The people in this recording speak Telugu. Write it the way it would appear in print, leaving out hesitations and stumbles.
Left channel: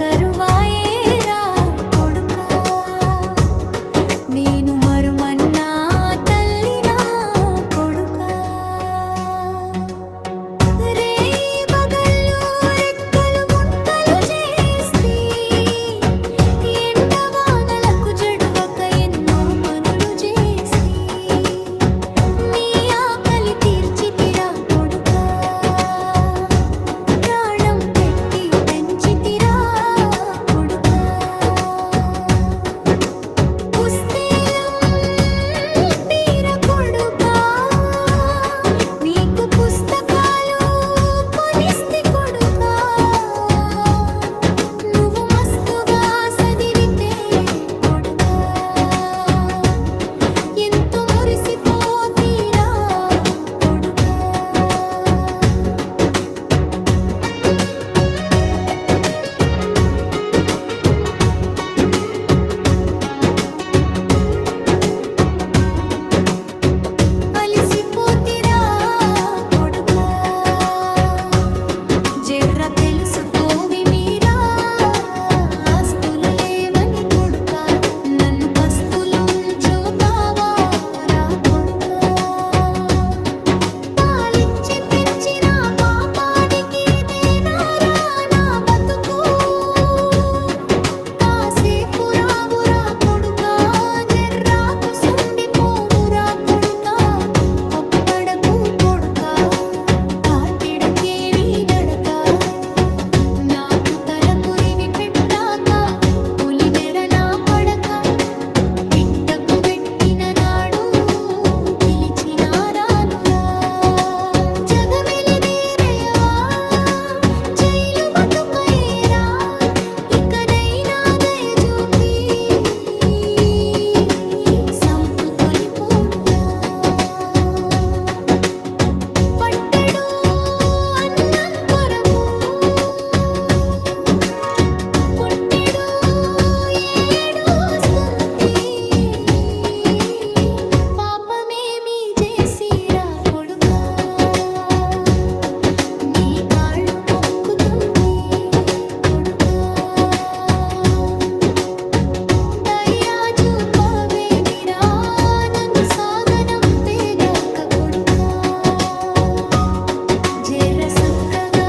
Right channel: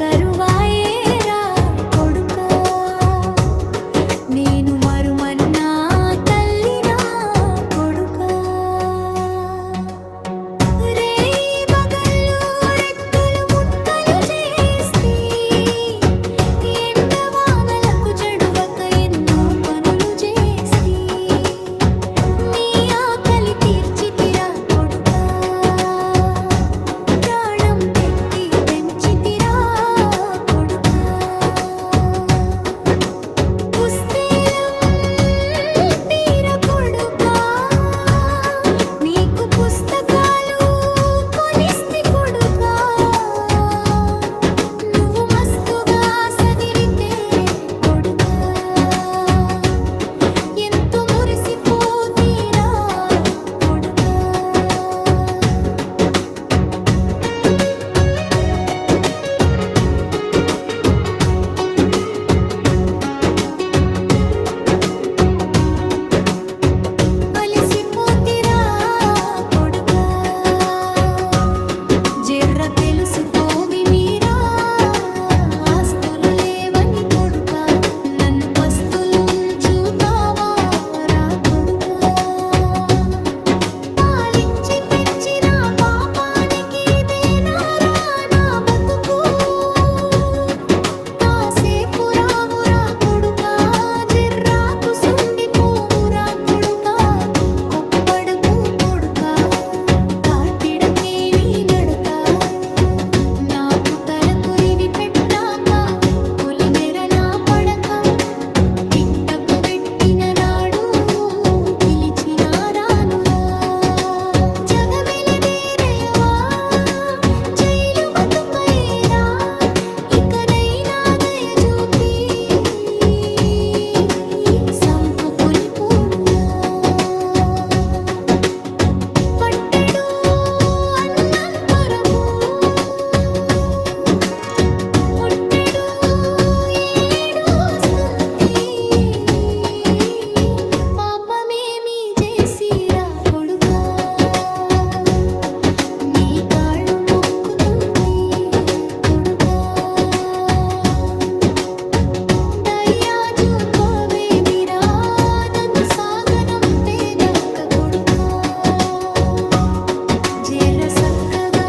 కరువాయేరా కొడుకా నేను మరుమన్నా తల్లినా కొడుకా రేయి బగళ్ళు రెక్కలు ముక్కలు చేస్తే ఎండవానలకు జడువక ఎన్నో పనులు చేస్తే నీ ఆకలి తీర్చితిరా కొడుకా ప్రాణం పెట్టి పెంచితిరా కొడుకా పుస్తేలం తీర కొడుకా నీకు పుస్తకాలు కొనిస్తి కొడుకా నువ్వు మస్తుగా చదివితే కొడుకా ఎంతో మురిసిపోతీరా కొడుకా అలిసిపోతిరా కొడుకా జర్ర తెలుసుకోవి మీరా ఆస్తులు లేవని కొడుకా నన్ను పస్తులుంచుతావా రా కొడుకా పాలిచ్చి పెంచిన పాపానికి ఇదేనారా నా బతుకు కాసేపు రావురా కొడుకా జర్రాకు సుండిపోవురా కొడుకా కొప్పడకు కొడుకా తాటిడకే నీ నడక నాకు తల కొరివి పెట్టాక పులిమెర నా పడక పిట్టకు పెట్టిన నాడు పిలిచిన రానురా జగమెలదేరేయవా జైలు బతుకయేరా ఇకనైనా దయ చూపి సంపుకొని పోనురా పట్టెడు అన్నం కొరకు పుట్టెడు ఏడుస్తుంది పాపమేమి చేసిరా కొడుకా నీ కాళ్ళు మొక్కుతుంది కొడుకా దయా చూపవేమిరా నన్ను సాగనంపేదాక కొడుకా జర సక్కగా